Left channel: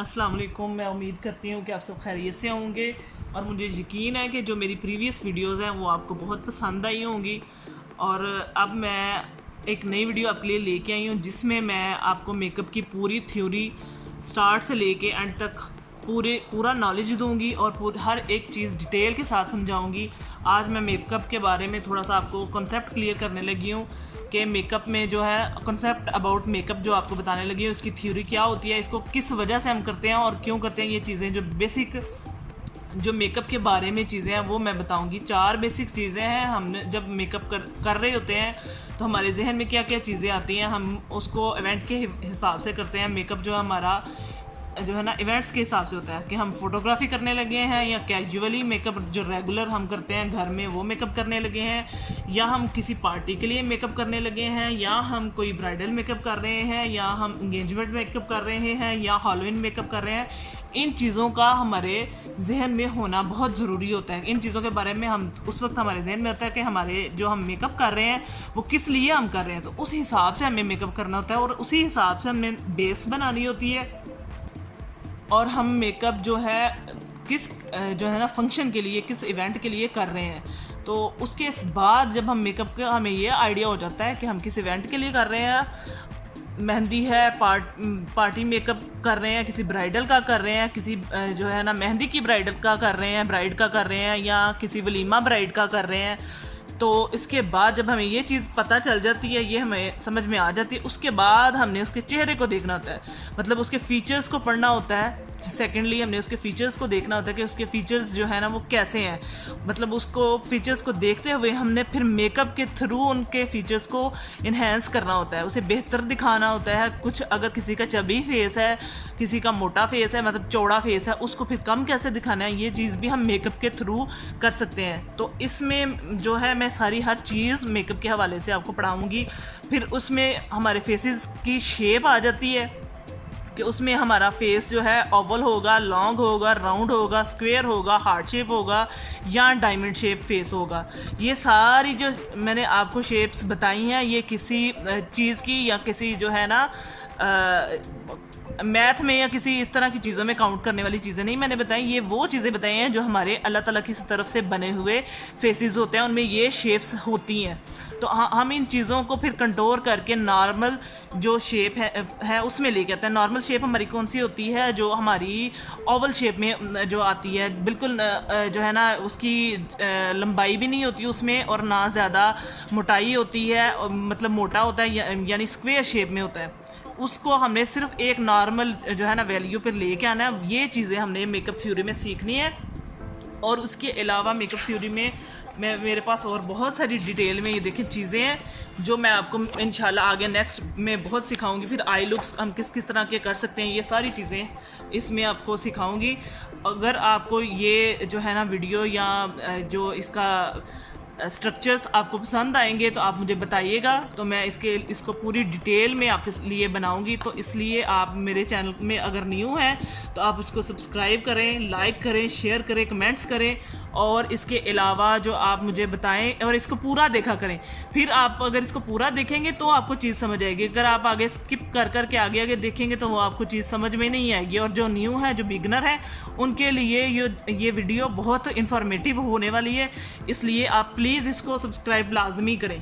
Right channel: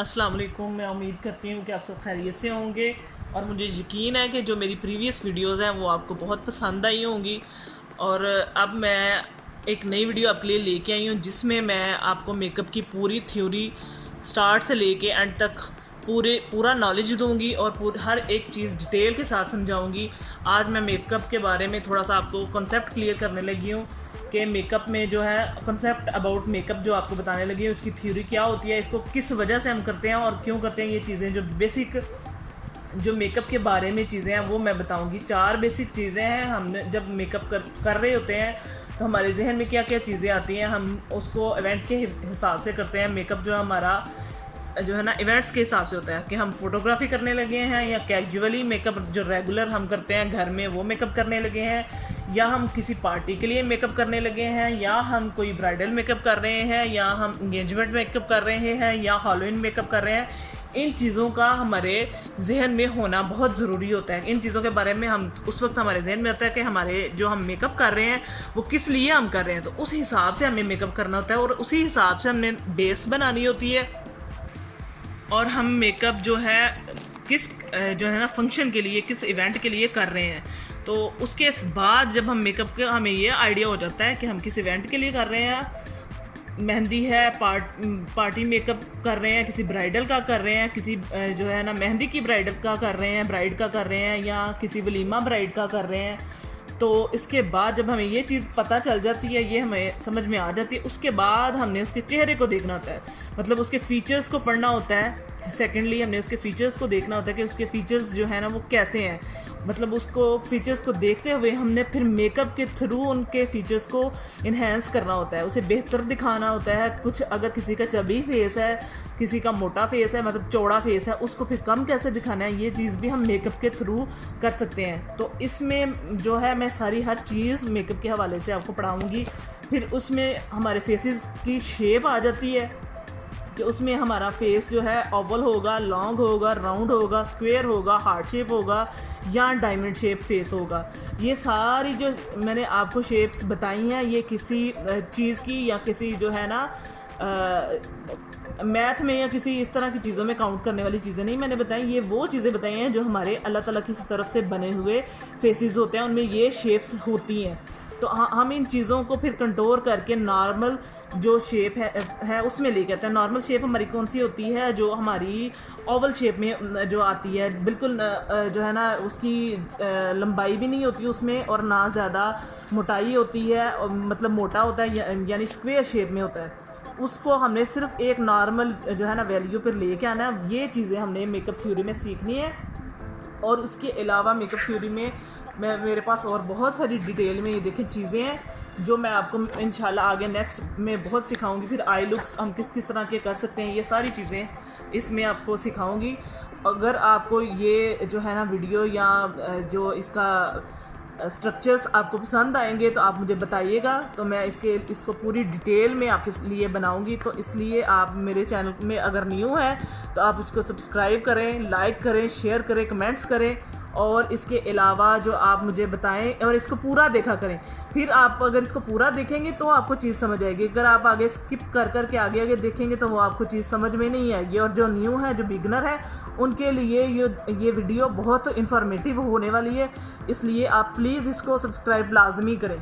अस्सलाम वालेकुम। मैं उम्मीद करती हूँ कि आप सब खैरियत से होंगे और मुझे यकीन है कि जो मेरी प्रीवियस वीडियोज़ हैं वो आपको बहुत पसंद आई होंगी। और अब मैं एक नई वीडियो आपके लिए लेके आई हूँ जिसमें मैं आपको मेकअप की पूरी थ्योरी स्टार्ट से लेके एंड तक पूरा नॉलेज दूंगी और हर एक चीज़ डिटेल के साथ समझाऊंगी। आज मैं मेकअप के बारे में थोड़ा सा आपको कॉन्सेप्ट क्लियर करने लगी हूँ कि मेकअप में जो है कॉन्सेप्ट अबाउट मेकअप जो आपको बताने लगी है उसकी थ्योरी क्या होती है, इसको किस वजह से हम करते हैं और क्यों करते हैं। ये चीज़ें जो बेसिक जो मेकअप के बारे में चीज़ें हैं वो मैं बताऊंगी। 4 बेसिक चीज़ें हैं। हमने जब मेकअप कर रहे होते हैं तो हमारे जहन में क्या क्या चीज़ें आती हैं, हम उसको इवेंट के हिसाब से करते हैं। मेकअप जो हमारा जो है ना इवेंट्स के हिसाब से होता है कि हम फोटोग्राफी करने लगे हैं या कैजुअली मेकअप जो रेगुलर हम करते हैं घर में वो मेकअप करने लगे हैं, या हम किसी पार्टी के लिए मेकअप करने लगे हैं, या हम कोई ब्राइडल मेकअप कर रहे हैं, या हम इंगेजमेंट मेकअप कर रहे हैं, या हैलोवीन मेकअप कर रहे हैं। इन चीज़ों का हमारे जहन में होना बहुत ज़रूरी होता है। इन चीज़ों के बारे में हम उस वक्त हमारे जहन में आता है कि हमारे जो हम मेकअप कर रहे हैं वो किस लिए हम कर रहे हैं, तो उस हिसाब से हमें मेकअप करना होता है और उसी हिसाब से हमने बेस बनानी होती है। और हम मेकअप जो है किस जो है ना फंक्शन के लिए, किस इवेंट के लिए कर रहे हैं, तो उसके बाद जब हम मेकअप का हमें ये आइडिया हो जाता है कि हम किस इवेंट के लिए कर रहे हैं। मेहंदी है, पार्टी मेकअप कर रहे हैं, किसी ब्राइडल का कर रहे हैं, किसी जो है ना मेहंदी की ब्राइडल का कर रहे हैं, ब्राइड का कर रहे हैं, या किसी वलीमा ब्राइड का कर रहे हैं। तो इसके बाद जब हमें ये चीज़ पता चल जाती है, ये हमें समझ में आ जाती है, उसके बाद हमने उसके चेहरे को देखना होता है, मतलब उसके फीचर्स को पढ़ना होता है। सेकेंडली हमने उसके फीचर्स को देखना होता है कि उसके फीचर्स जो है ना वो कैसे हैं, मतलब उसको फीचर्स को देखते हुए हमने फिर मेकअप के थ्रू उनके फीचर्स को इन्हेंस करना होता है, उसे बेहतर दिखाना होता है। कुछ अगर किसी का चबी फेस है, किसी का मोटा फेस है, मतलब चौड़ा फेस है, उसको फिर कम कैसे दिखाना है, ये चीज़ भी हम मेकअप के थ्रू कर सकते हैं। तो इसमें जो है मैं सारी हर चीज़ मेकअप के हवाले से आपको पढ़ाऊँगी। फिर उसमें हमारे फेसेस की शेप आ जाती है कि उसमें हमारा फेस जो है ओवल होगा, लॉन्ग होगा, राउंड होगा, स्क्वायर होगा, हार्ट शेप होगा, या डायमंड शेप फेस होगा। ये सारी जो मैंने आपको शेप्स बताई हैं ये किसी चीज़ की या किसी जो है ना मैथ में या किसी इस तरह की चीज़ों में काउंट करने वाली चीज़ें नहीं मैंने बताई। ये वो चीज़ें बताई हैं जो हमारे अल्लाह ताला की तरफ से बने हुए फेसेस होते हैं, उनमें ये शेप्स होती हैं। तो हम इन चीज़ों को फिर कंट्रोल करके नॉर्मल जो शेप है उसमें लेके आते हैं। नॉर्मल शेप हमारी कौन सी होती है, जो हमारी ओवल शेप में जो आती है, बिल्कुल जो है ना उसकी लंबाई भी नहीं होती उसमें और ना ज़्यादा मोटाई होती है, मतलब मोटा होता है, यानी स्क्वायर शेप में होता है। उसको हमने सिर्फ एक नॉर्मल जो है ना वैल्यू पर लेके आना है। ये चीज़ें हमने मेकअप थ्योरी में सीखनी है। और उसके अलावा मेकअप थ्योरी में मेरे पास और बहुत सारी डिटेल में ये देखें चीज़ें हैं जो मैं आपको इंशाल्लाह आगे नेक्स्ट में बहुत सिखाऊंगी। फिर आई लुक्स हम किस किस तरह के कर सकते हैं, ये सारी चीज़ें इसमें आपको सिखाऊंगी। अगर आपको ये जो है ना वीडियो या जो इसका स्ट्रक्चर्स आपको पसंद आएंगे तो आप मुझे बताइएगा, तो मैं इसको पूरी डिटेल में आपके लिए बनाऊंगी। तो इसलिए आप मेरे चैनल में अगर न्यू हैं तो आप उसको सब्सक्राइब करें, लाइक करें, शेयर करें, कमेंट्स करें, और इसके अलावा जो आप मुझे बताएं और इसको पूरा देखा करें। फिर आप अगर इसको पूरा देखेंगे तो आपको चीज़ समझ आएगी। अगर आप आगे स्किप कर के आगे देखेंगे तो वो आपको चीज़ समझ में नहीं आएगी। और जो न्यू है, जो बिगनर है, उनके लिए ये वीडियो बहुत इन्फॉर्मेटिव होने वाली है, इसलिए आप प्लीज़ इसको सब्सक्राइब लाजमी करें।